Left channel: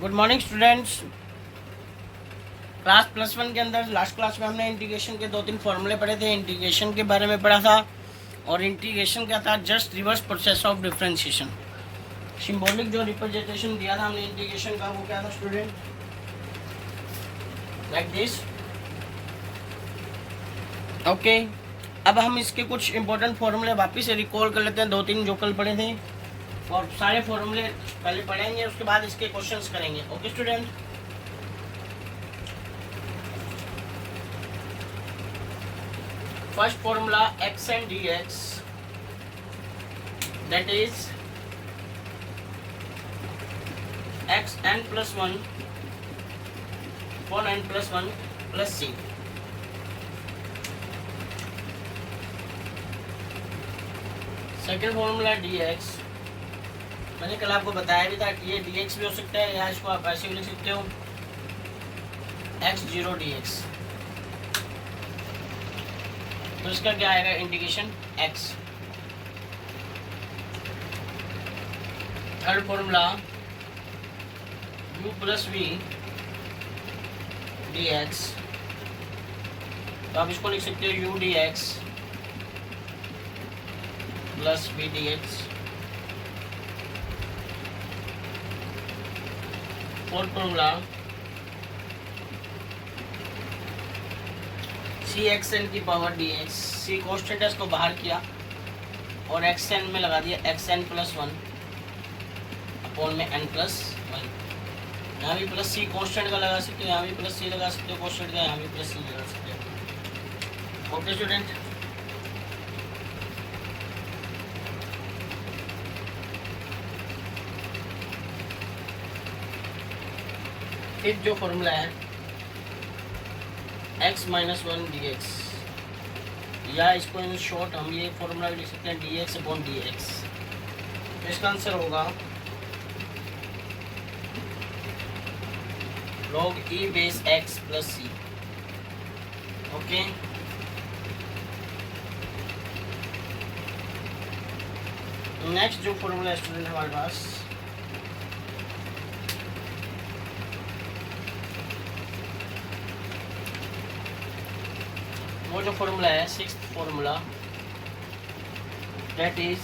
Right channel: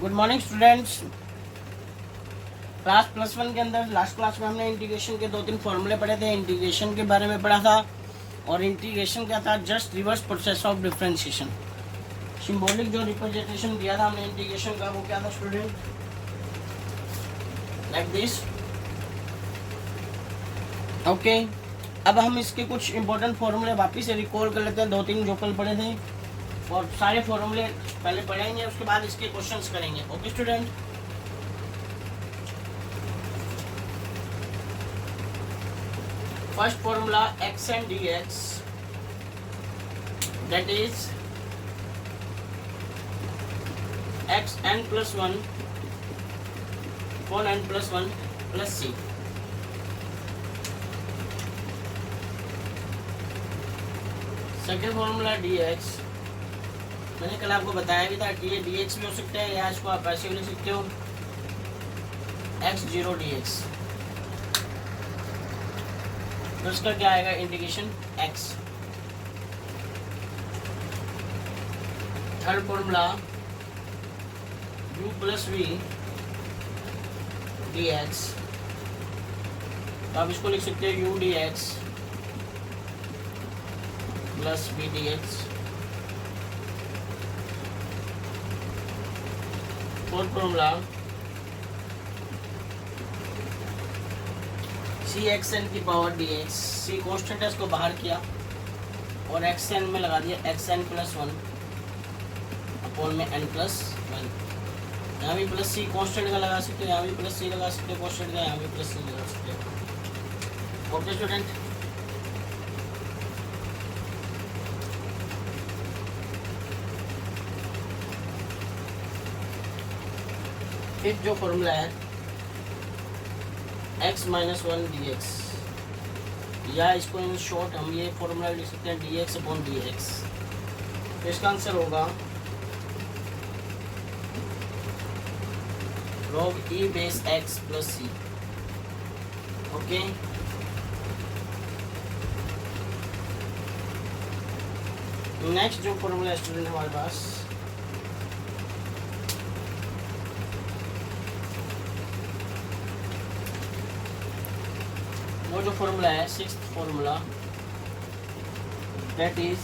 Good morning students. Class +1 के अंदर last class में हमने इंटीग्रेशन के 2-3 फॉर्मूले पढ़े थे। इंटीग्रेशन के बारे में पढ़ा था और इंटीग्रेशन क्या था, just reverse process of differentiation. Symbolic जो रिप्रेजेंटेशन दिया था हमने इंटीग्रेशन का, वो क्या था स्टूडेंट, लाइक दिस। ओके, अब हम इसके कुछ इंपॉर्टेंट फॉर्मूले वापस से रिकॉल कर लेते हैं, 2-3 जो कल पढ़े थे, और सारे फॉर्मूले पहले पढ़ेंगे, उसके बाद इसके क्वेश्चंस करेंगे। Okay student, first formula x and dx, that is x n plus 1 upon n plus 1 plus c। Second formula dx, मैंने कल आपको बताया भी था, ये dx भी हो सकता है या इसको आप ऐसे भी लिख सकते हो, x0 dx। तो इसका क्या आएगा, integration x। Third formula u plus v dx, तो आप इसको लिख सकते हो u dx प्लस v dx। Fourth formula C X N की power D X, C constant है, इसको बाहर किया और एक्स एन में लगा दिया एक्स एन प्लस 1 अपॉन में एन प्लस 1। यहाँ भी प्लस सी कॉन्स्टेंट का लगा सकते हो, यहाँ भी प्लस सी लगा सकते हो कॉन्स्टेंट का, यहाँ भी प्लस सी लगा सकते हो। ओके स्टूडेंट, फिर जो फॉर्मूला है x माइनस 1 डी एक्स, या इसको इन शॉर्ट हम ये फॉर्मूला लिख सकते हैं D X upon D x. तो इसका आंसर होगा log e base x plus C. Okay, next जो फॉर्मूला स्टूडेंट हमारे पास, वो जो फॉर्मूला है sixth formula, that is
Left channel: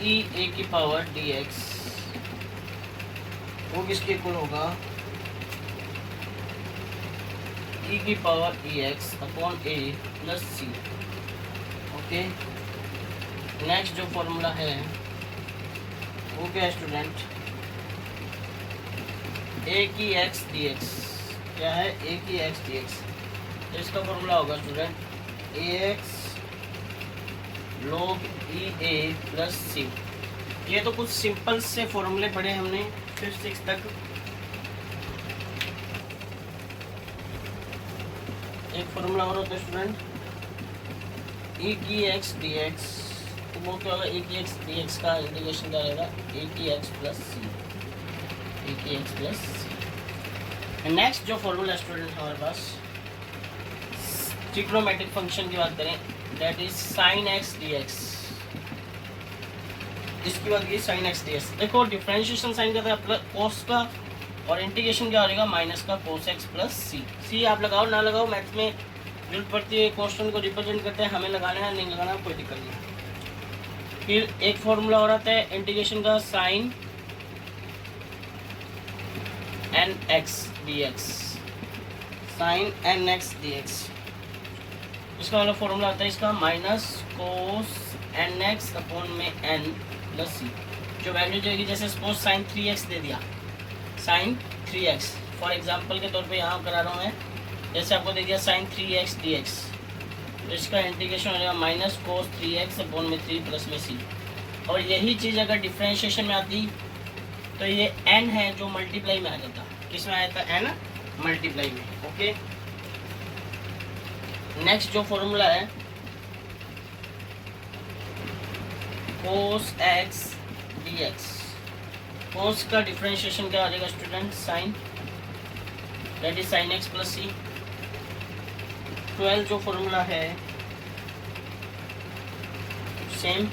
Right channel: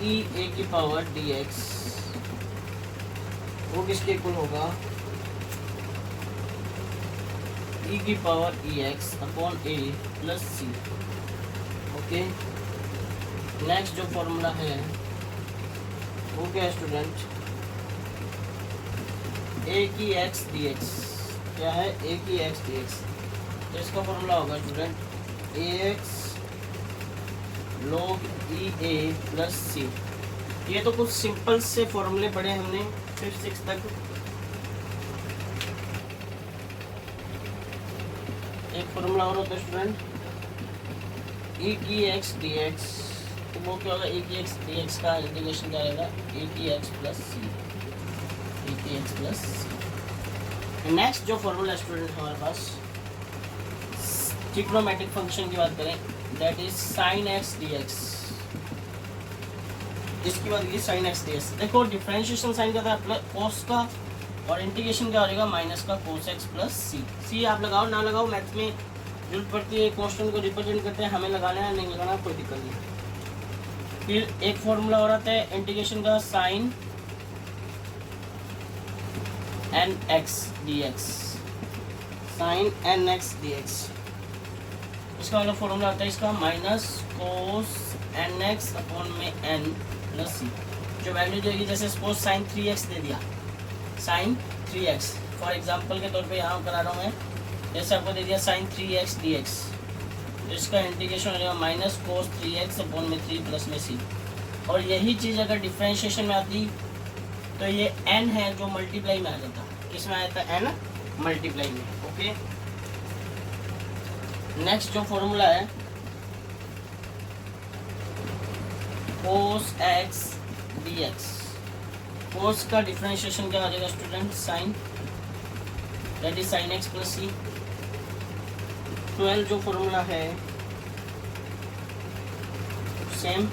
e a की पावर dx, वो किसके इक्वल होगा, e की power ex upon a plus C. Okay, next जो फॉर्मूला है वो क्या है स्टूडेंट, a की x dx, क्या है a की x dx। तो इसका फॉर्मूला होगा student ax log e a plus C. ये तो कुछ सिंपल से फॉर्मूले पढ़े हमने 5-6 तक। एक फॉर्मूला और होता है स्टूडेंट e की x dx, तो वो क्या होगा, e की x dx का इंटीग्रेशन क्या रहेगा, a की x प्लस सी, a की x प्लस सी। नेक्स्ट जो फॉर्मूला स्टूडेंट हमारे पास ट्रिग्नोमेट्रिक फंक्शन की बात करें, that is sine x D x. इसकी बात की साइन एक्स डी एक्स, देखो डिफरेंशिएशन साइन क्या था, प्लस कोस का, और इंटीग्रेशन क्या हो जाएगा, माइनस का कोस एक्स प्लस सी। सी आप लगाओ ना लगाओ, मैथ्स में जरूरत पड़ती है, कॉन्स्टेंट को रिप्रेजेंट करते हैं, हमें लगाना है नहीं लगाना कोई दिक्कत नहीं। फिर एक फॉर्मूला और आता है इंटीग्रेशन का, sine N x D X, sine N x D X. इसका वाला फॉर्मूला आता है इसका minus cos N x upon में एन प्लस सी। जो वैल्यू देगी, जैसे सपोज साइन 3x दे दिया, साइन 3x फॉर एग्जांपल के तौर पे यहाँ करा रहा हूँ मैं, जैसे आपको दे दिया साइन 3x dx, तो इसका इंटीग्रेशन हो जाएगा माइनस कोस 3x अपॉन में 3 प्लस में सी। और यही चीज़ अगर डिफ्रेंशिएशन में आती तो ये n है जो मल्टीप्लाई में आ जाता, किस में आया था, n मल्टीप्लाई में। ओके, नेक्स्ट जो फॉर्मूला है cos x dx, cos का डिफरेंशिएशन क्या आ जाएगा student, sine, that is sine x plus C. 12 जो फॉर्मूला है same,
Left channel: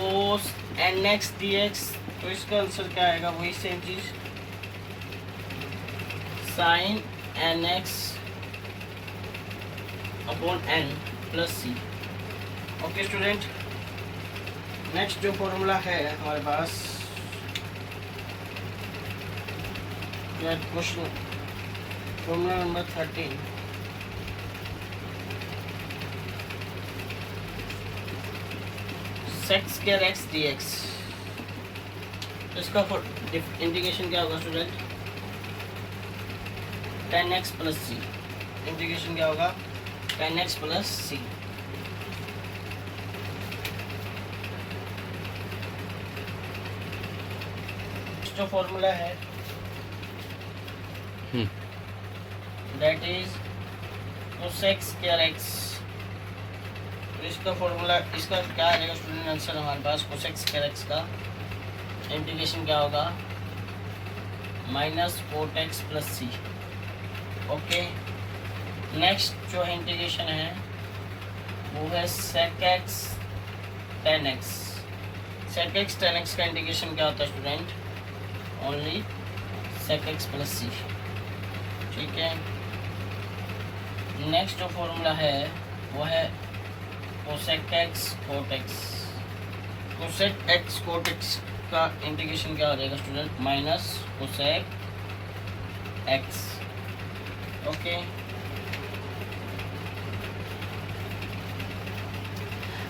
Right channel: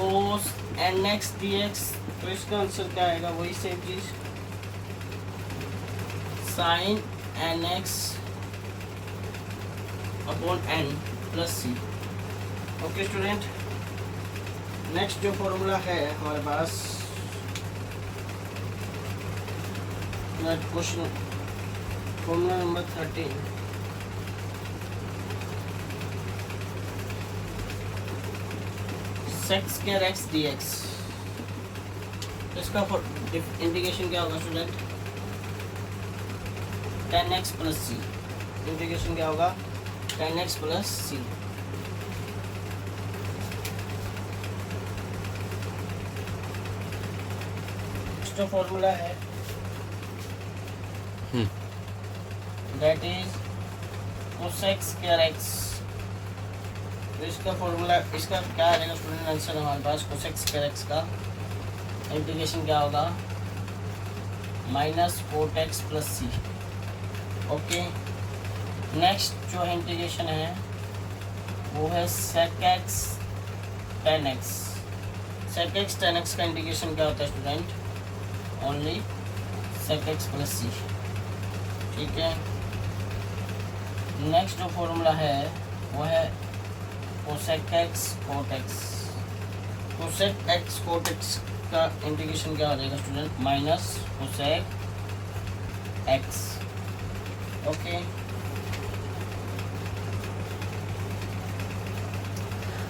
cos N x D x, तो इसका आंसर क्या आएगा, वही सेम चीज, sine N x upon n plus C. Okay student, next जो फॉर्मूला है हमारे पास, question formula number 13, sec square x D X, इसका इंटीग्रेशन क्या होगा स्टूडेंट, 10x प्लस सी। इंटीग्रेशन क्या होगा, 10x प्लस सी। जो फॉर्मूला है that is cosec square x, तो इसका फॉर्मूला, इसका क्या आ जाएगा स्टूडेंट आंसर हमारे पास, कोसेक स्क्वायर एक्स का इंटीग्रेशन क्या होगा, minus cot x plus C. Okay, next जो है इंटीग्रेशन है वो है sec x tan x. Sec x tan x का इंटीग्रेशन क्या होता है student, only sec x plus C. ठीक है, नेक्स्ट जो फॉर्मूला है वो है cosec x cot x. Cosec x cot x का इंटीग्रेशन क्या हो जाएगा student, minus cosec x. Okay,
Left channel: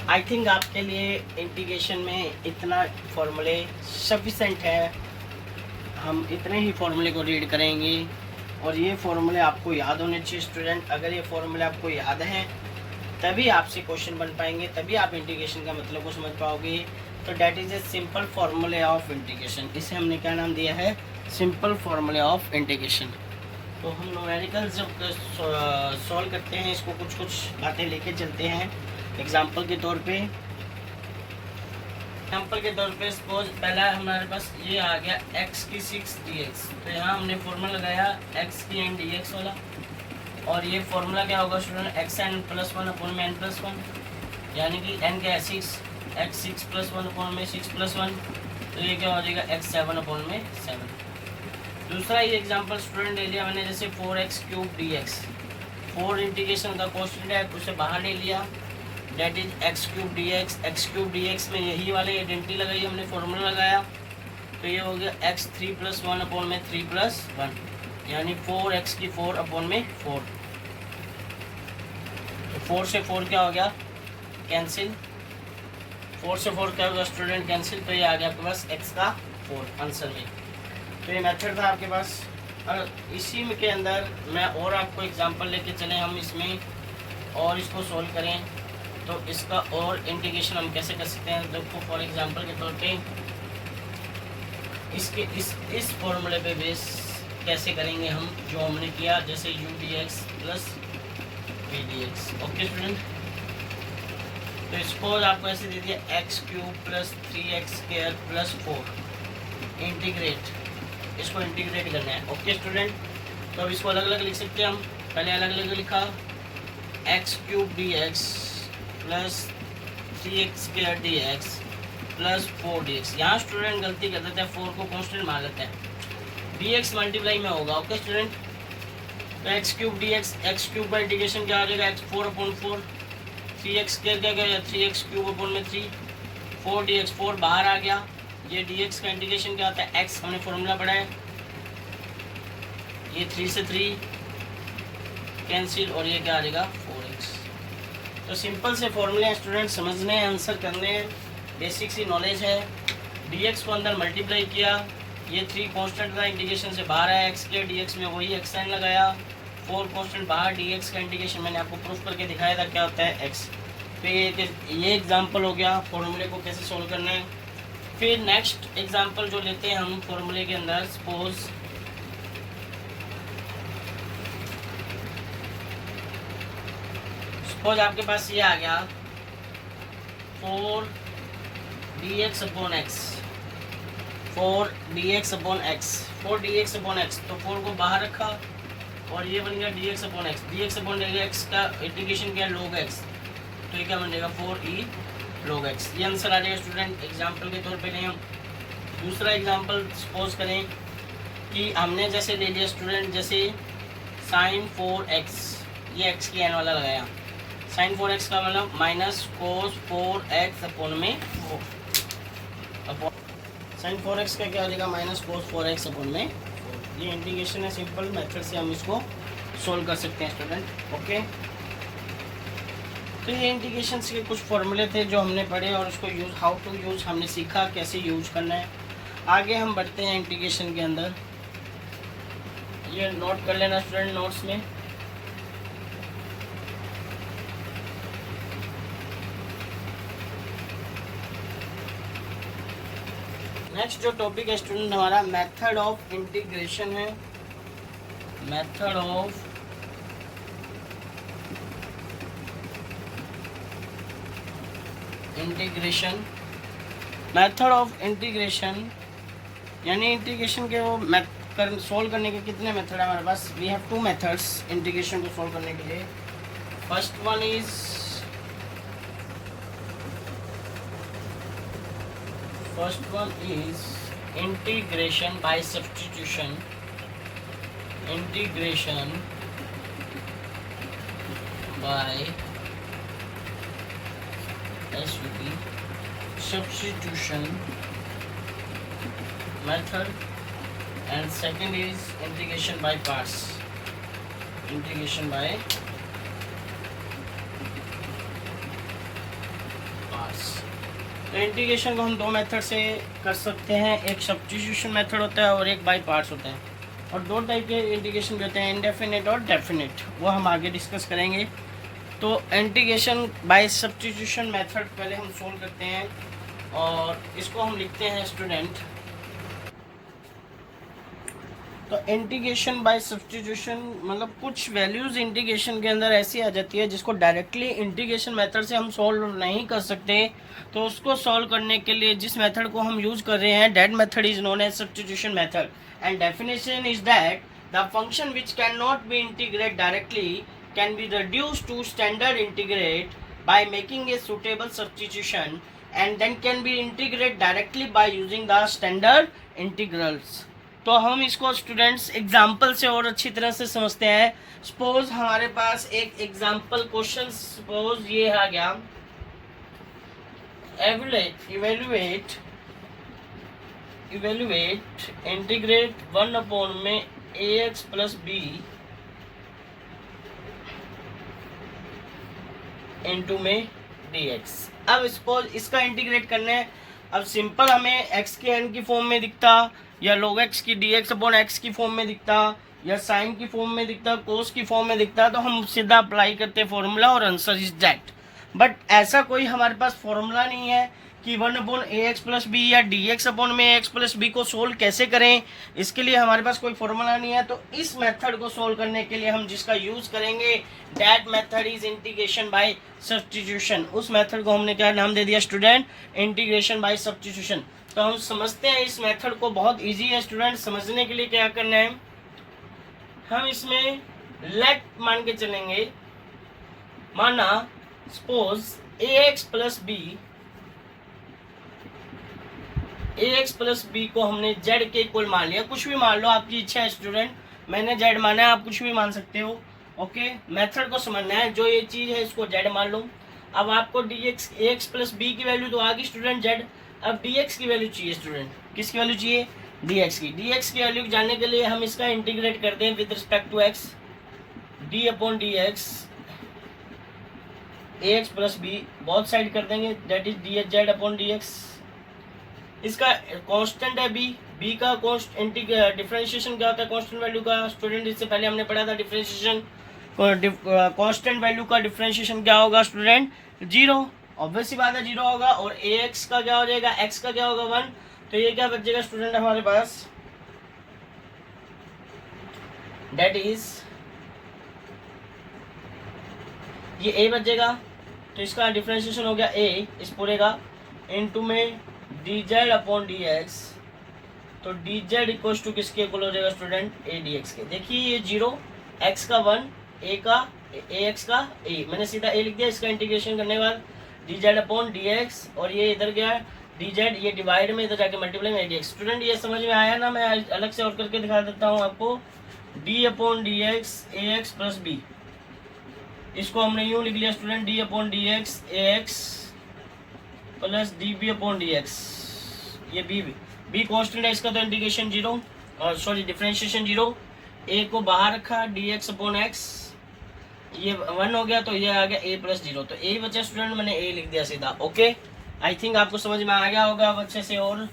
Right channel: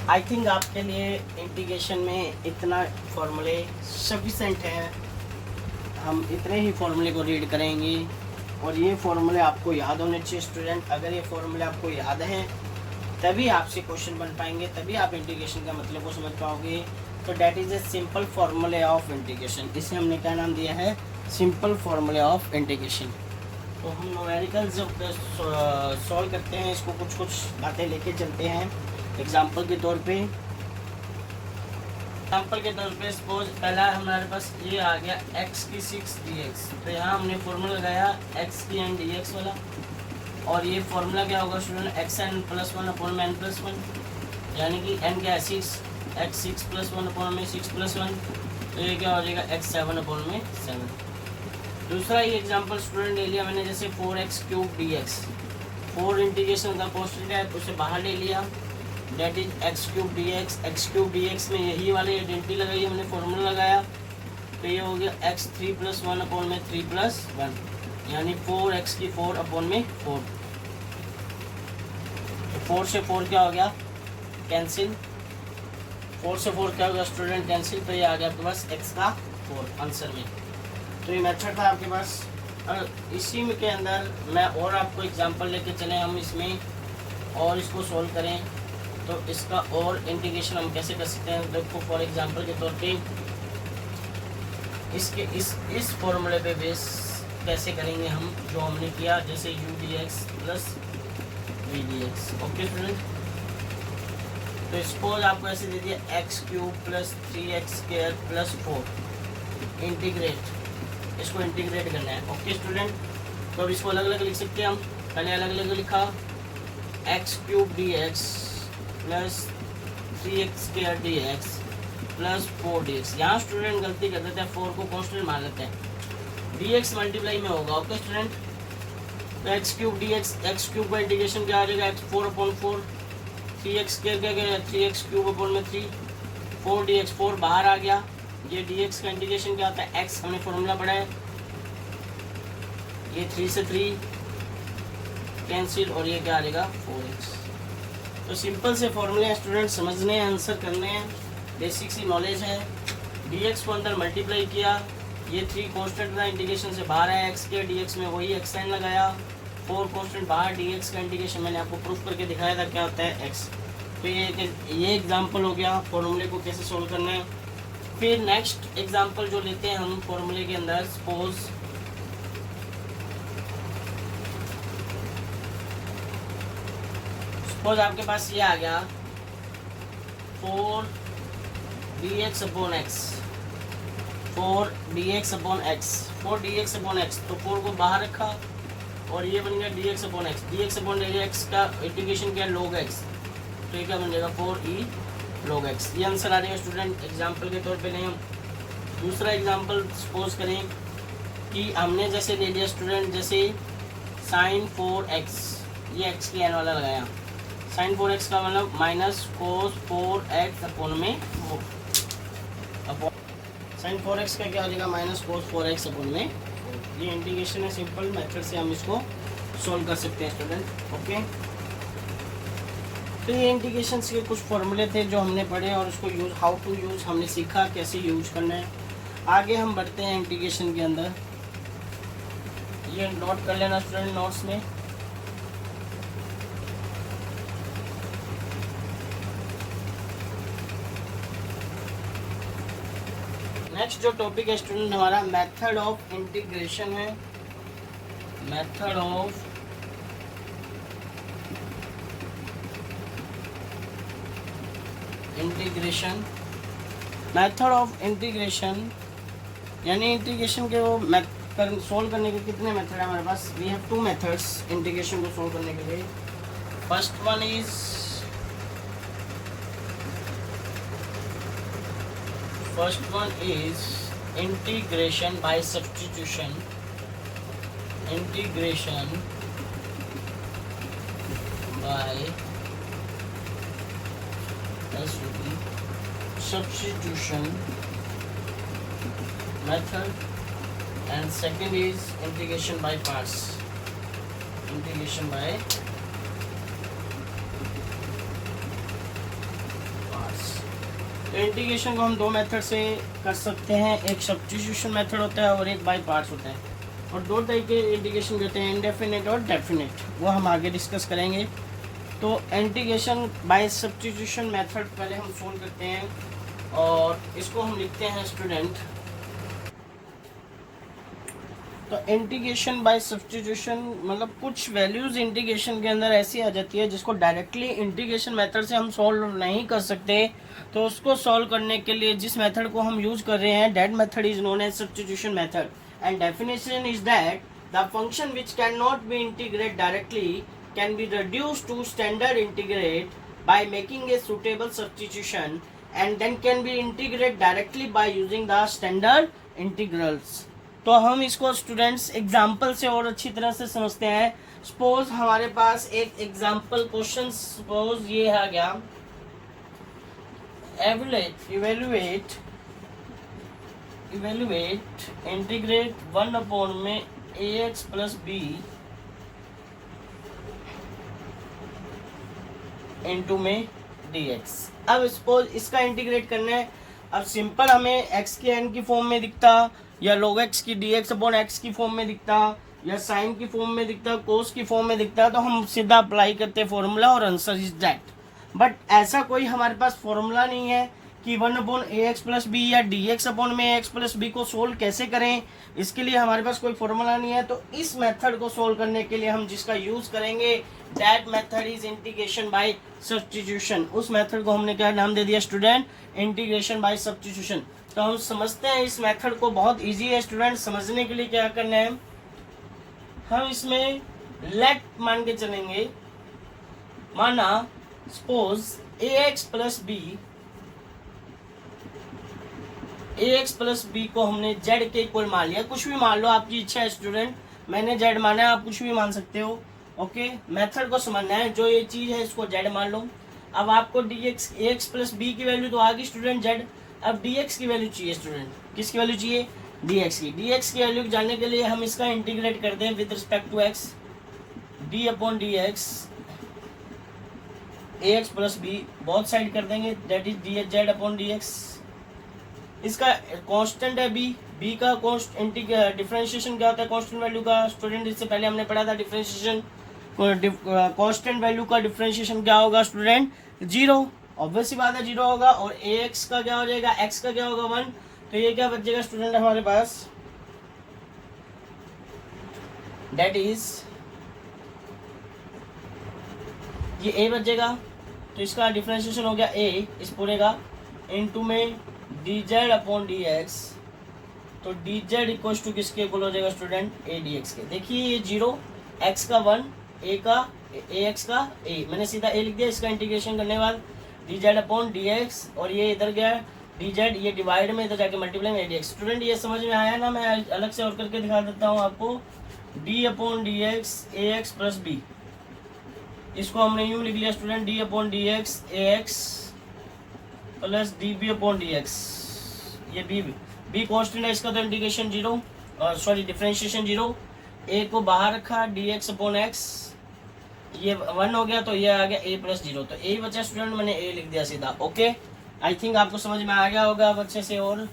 I think आपके लिए इंटीग्रेशन में इतना फॉर्मूले सफिशेंट है, हम इतने ही फॉर्मूले को रीड करेंगे और ये फॉर्मूले आपको याद होने चाहिए स्टूडेंट। अगर ये फॉर्मूले आपको याद हैं तभी आपसे क्वेश्चन बन पाएंगे, तभी आप इंटीग्रेशन का मतलब को समझ पाओगे। तो डैट इज ए सिंपल फॉर्मूले ऑफ इंटीग्रेशन, इसे हमने क्या नाम दिया है, सिंपल फॉर्मूले ऑफ इंटीग्रेशन। तो हम न्यूमेरिकल जब सॉल्व करते हैं इसको कुछ कुछ बातें लेके चलते हैं एग्जाम्पल के तौर पे। एग्जाम्पल के तौर पे सपोज पहला हमारे पास ये आ गया x की 6 dx, तो यहाँ हमने फॉर्मूला लगाया x की n dx वाला, और ये फॉर्मूला क्या होगा student, X N plus one upon में एन प्लस वन, यानी कि n क्या है 6, x 6 प्लस वन अपॉन में 6 प्लस वन, तो ये क्या हो जाएगा x 7 अपॉन में 7। दूसरा ये एग्जाम्पल स्टूडेंट ले लिया मैंने, जैसे 4x क्यूब dx, 4 इंटीग्रेशन का कॉन्स्टेंट है तो उसे बाहर ले लिया, that is X cube D X. X cube D X में यही वाले आइडेंटिटी लगाई, हमने फॉर्मूला लगाया, तो ये हो गया एक्स 3 प्लस वन अपॉन में 3 प्लस वन, यानी 4x की 4 अपॉन में 4। तो 4 से 4 क्या हो गया, कैंसिल, 4 से 4 क्या होगा स्टूडेंट, कैंसिल, तो ये आ गया आपके पास x का 4 आंसर में। तो ये मेथड था आपके पास। अगर इसी में के अंदर मैं और आपको एग्जांपल लेके चले हम इसमें और इसको सॉल्व करें, तो इसका और इंटीग्रेशन हम कैसे कर सकते हैं। देखो फॉर एग्जांपल के तौर पे इसके इस फॉर्मूले पे बेस कैसे करेंगे हम, जो हमने किया, जैसे u dx प्लस v dx। ओके स्टूडेंट, तो सपोज आपको ऐसे दे दिया x cube plus 3x square plus 4, integrate, इसको इंटीग्रेट करना है। ओके स्टूडेंट, तो अब इसको अलग अलग लिख सकते हैं हम। पहले अलग अलग लिखा x cube dx plus 3x square dx plus 4 dx। यहाँ स्टूडेंट गलती कर देते हैं, 4 को कांस्टेंट मान लेते हैं, dx मल्टीप्लाई में होगा। ओके स्टूडेंट, तो x cube dx, x cube का इंटीग्रेशन क्या हो जाएगा, x 4 अपॉन 4, 3x स्क्वायर क्या गया 3x क्यूब अपॉन में 3, 4 dx, 4 बाहर आ गया। ये dx का इंटीग्रेशन क्या होता है, x हमने फॉर्मूला पढ़ा है, ये 3 से 3 कैंसिल, और ये क्या आ जाएगा 4x। तो सिंपल से फॉर्मूले स्टूडेंट समझने हैं, आंसर करने हैं, बेसिक सी नॉलेज है। dx को अंदर मल्टीप्लाई किया, ये 3 कांस्टेंट का इंटीग्रेशन से बाहर आया, x के dx में वही x n लगाया, 4 कांस्टेंट बाहर, dx का इंटीग्रेशन मैंने आपको प्रूफ करके दिखाया था क्या होता है x। तो ये एग्जांपल हो गया फॉर्मूले को कैसे सोल्व करना है। फिर नेक्स्ट एग्जांपल जो लेते हैं हम फॉर्मूले के अंदर, सपोज आपके पास ये आ गया 4 dx upon x, 4 dx upon x, 4 dx upon x, तो 4 को बाहर रखा और ये बन गया dx upon x। dx upon x का इंटीग्रेशन क्या, log x, तो ये क्या बन जाएगा 4e log x। ये आंसर आ जाएगा स्टूडेंट। एग्जाम्पल के तौर पे लें हम दूसरा एग्जाम्पल, सपोज करें कि हमने जैसे ले लिया स्टूडेंट, जैसे sin 4x, ये x की एन वाला लगाया। sin 4x का मतलब माइनस कोस 4x अपॉन में sin 4x का क्या हो जाएगा, माइनस कोस 4x अपॉन में। ये इंटीग्रेशन है, सिंपल मेथड से हम इसको सोल्व कर सकते हैं स्टूडेंट। ओके, तो ये इंटीग्रेशन के कुछ फॉर्मूले थे जो हमने पढ़े और उसको यूज, हाउ टू यूज हमने सीखा, कैसे यूज करना है। आगे हम बढ़ते हैं इंटीग्रेशन के अंदर। ये नोट कर लेना स्टूडेंट नोट्स में। नेक्स्ट जो टॉपिक है स्टूडेंट हमारा मेथड ऑफ इंटीग्रेशन है। Method of integration, method of integration यानी इंटीग्रेशन के वो सोल्व करने के कितने मेथड है हमारे पास। We have two methods integration को सोल्व करने के लिए। First one is integration by substitution. Integration by substitution method, and second is integration by parts। integration by parts। तो इंटीग्रेशन को हम दो मेथड से कर सकते हैं, एक सब्स्टिट्यूशन मेथड होता है और एक बाय पार्ट्स होता है। और दो टाइप के इंटीग्रेशन भी होते हैं, इंडेफिनिट और डेफिनिट, वो हम आगे डिस्कस करेंगे। तो इंटीग्रेशन बाय सब्स्टिट्यूशन मेथड पहले हम सोल्व करते हैं और इसको हम लिखते हैं स्टूडेंट। तो इंटीग्रेशन बाय सब्स्टिट्यूशन मतलब कुछ वैल्यूज इंटीग्रेशन के अंदर ऐसी आ जाती है जिसको डायरेक्टली इंटीग्रेशन मेथड से हम सोल्व नहीं कर सकते। तो उसको सॉल्व करने के लिए जिस मेथड को हम यूज कर रहे हैं, that method is known as substitution method. And definition is that the function which can not be integrate directly can be reduced to standard integrate by making a suitable substitution, and then can be integrated directly by using the standard integrals। तो हम इसको students example से और अच्छी तरह से समझते हैं। सपोज हमारे पास एक एग्जाम्पल क्वेश्चन, सपोज ये आ गया, इवेल्युएट इंटीग्रेट 1 अपॉन में ax प्लस बी इनटू में dx। अब सपोज इसका इंटीग्रेट करना है। अब सिंपल हमें x के n की फॉर्म में दिखता, या log x की dx अपॉन x की फॉर्म में दिखता, या साइन की फॉर्म में दिखता, कोस की फॉर्म में दिखता, तो हम सीधा अप्लाई करते फॉर्मूला और आंसर इज दैट। बट ऐसा कोई हमारे पास फॉर्मूला नहीं है कि 1 upon a x plus B या डी एक्स अपॉन में एक्स प्लस बी को सोल्व कैसे करें, इसके लिए हमारे पास कोई फॉर्मूला नहीं है। तो इस मेथड को सोल्व करने के लिए हम जिसका यूज करेंगे, that method is integration by substitution. उस मेथड को हमने क्या नाम दे दिया स्टूडेंट, इंटीग्रेशन बाय सब्स्टिट्यूशन। तो हम समझते हैं इस मेथड को, बहुत ईजी है स्टूडेंट। समझने के लिए क्या करना है, हम इसमें लेट मान के चलेंगे। माना सपोज ए एक्स प्लस बी को हमने जेड के इक्वल मान लिया, कुछ भी मान लो, आपकी इच्छा है स्टूडेंट। मैंने जेड माना है, आप कुछ भी मान सकते हो। ओके, मेथड को समझना है, जो ये चीज है इसको जेड मान लो। अब आपको डी एक्स, ए एक्स प्लस बी की वैल्यू तो आ गई स्टूडेंट जेड। अब डी एक्स की वैल्यू चाहिए स्टूडेंट, किसकी वैल्यू चाहिए, डी एक्स की। डी एक्स की वैल्यू जानने के लिए हम इसका इंटीग्रेट करते हैं with respect to X, D upon D x A x plus B, बहुत साइड कर देंगे, that is D Z upon D X. इसका कांस्टेंट है बी, बी का डिफरेंशिएशन क्या होता है कांस्टेंट वैल्यू का स्टूडेंट, इससे पहले हमने पढ़ा था डिफरेंशिएशन। कांस्टेंट वैल्यू का डिफरेंशिएशन क्या होगा स्टूडेंट, 0। ऑब्वियस सी बात है 0 होगा। और ए एक्स का क्या हो जाएगा, एक्स का क्या होगा 1। तो ये क्या बचेगा स्टूडेंट हमारे पास, दैट इज ये ए बचेगा। तो इसका डिफरेंशिएशन हो गया ए इस पूरे का, इनटू में D Z upon D x. तो डी जेड इक्वल टू किसके इक्वल हो जाएगा स्टूडेंट, ए डी एक्स के। देखिए ये 0, एक्स का 1, ए का ए एक्स का ए, मैंने सीधा ए लिख दिया। इसका इंटीग्रेशन करने के बाद D Z upon D x, और ये इधर गया डी जेड, ये डिवाइड में इधर जाके मल्टीप्लाई में डी एक्स। स्टूडेंट ये समझ में आया ना? मैं अलग से और करके दिखा देता हूँ आपको। डी अपॉन डी एक्स ए एक्स प्लस बी, इसको हमने यूँ लिख लिया student, d upon D x ए x plus d b upon D x. ये बी कॉन्स्टेंट है इसका, तो इंटीग्रेशन जीरो, और सॉरी डिफरेंशिएशन जीरो। ए को बाहर रखा, डी एक्स अपॉन एक्स, ये 1 हो गया, तो ये आ गया ए प्लस जीरो, तो ए बचा स्टूडेंट, मैंने ए लिख दिया सीधा। ओके, आई थिंक आपको समझ में आ गया होगा अब अच्छे से। और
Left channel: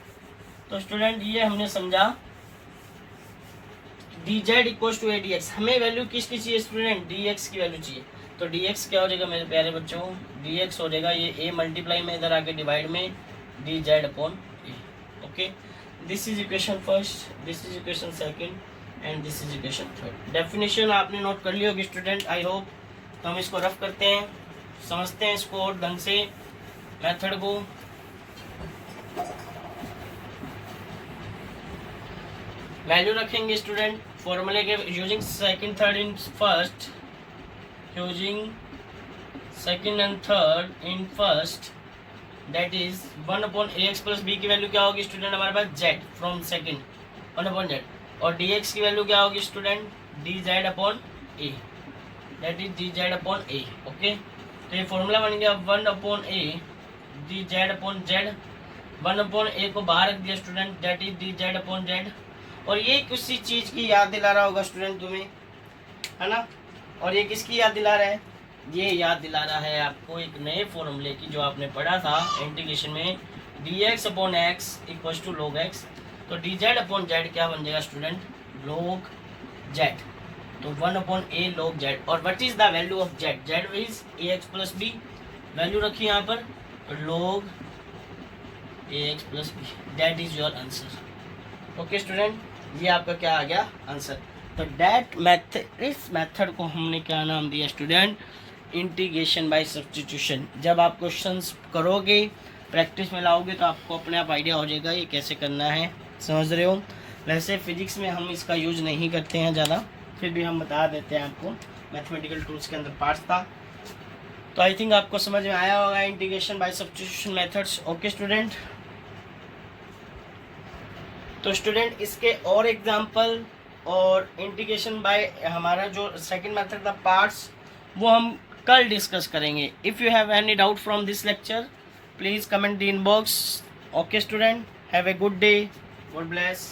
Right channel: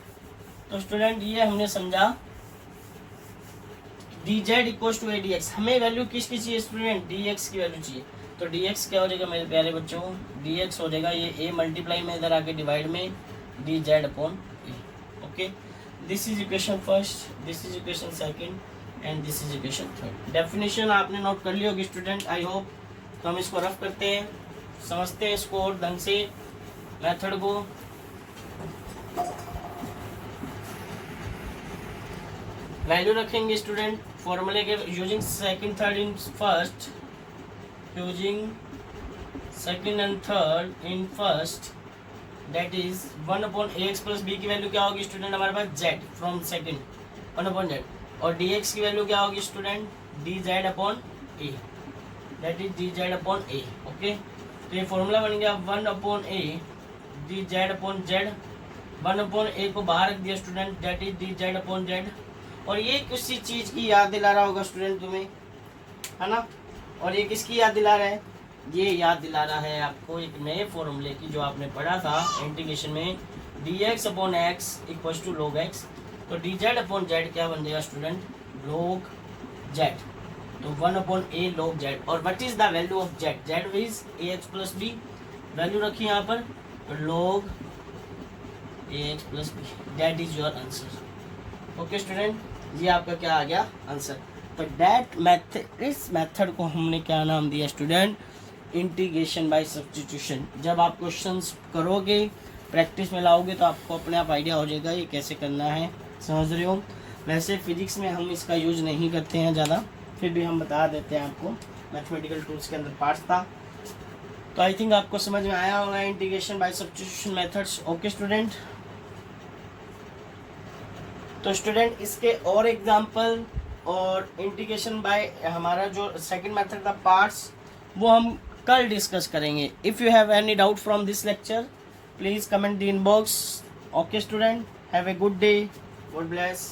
तो स्टूडेंट ये हमने समझा D Z equal to A D X. हमें वैल्यू किसकी चाहिए स्टूडेंट? डी एक्स की वैल्यू चाहिए। तो डी एक्स क्या हो जाएगा मेरे प्यारे बच्चों? डी एक्स हो जाएगा ये ए मल्टीप्लाई में इधर आके डिवाइड में D Z upon a. Okay, this is equation first, this is equation second, and this is equation third. Definition आपने नोट कर ली होगी स्टूडेंट, आई होप। तो हम इसको रफ करते हैं, समझते हैं इसको और ढंग से मेथड को। वैल्यू रखेंगे स्टूडेंट फॉर्मूले के using second third in first, using second and third in first, that is 1 upon a x plus B की वैल्यू क्या होगी स्टूडेंट हमारे पास? Z from second, 1 upon z. और डी एक्स की वैल्यू क्या होगी student? D Z upon a, that is D Z upon a. Okay, तो ये फॉर्मूला बन गया 1 upon a d Z upon z. 1 upon ए को बाहर रख दिया student, that is D Z upon z. और ये किसी चीज़ की याद दिला रहा होगा स्टूडेंट तुम्हें, है ना? और ये किसकी याद दिला रहा है? ये याद दिला रहा है आपको एक नए फॉर्मूले की जो आपने पढ़ा था इंटीग्रेशन में, D X upon X equal to log X. तो डी जेड अपॉन जेड क्या बन जाएगा स्टूडेंट? Log Z. तो 1 अपॉन ए लॉग जेड। और what is the value of Z? Z is A x plus B, value रखी यहाँ पर log A x plus B, that is your answer. Okay student, ये आपका क्या आ गया answer. तो दैट मेथड, इस मेथड को हमने क्या नाम दिया स्टूडेंट? Integration by substitution. जब आप क्वेश्चंस करोगे, प्रैक्टिस में लाओगे, तो आपको अपने आप आइडिया हो जाएगा ये कैसे करना है। समझ रहे हो? वैसे फिजिक्स में हम इसका यूज नहीं करते हैं ज़्यादा, फिर भी हम बता देते हैं आपको, मैथमेटिकल टूल्स के अंदर पार्ट्स था। तो आई थिंक आपको समझ में आया होगा integration by substitution methods. Okay student, तो स्टूडेंट इसके और एग्जांपल और इंटीग्रेशन बाय हमारा जो सेकंड मेथड था पार्ट्स, वो हम कल डिस्कस करेंगे। If you have any doubt from this lecture, please comment the inbox. Okay student, have a good day, God bless.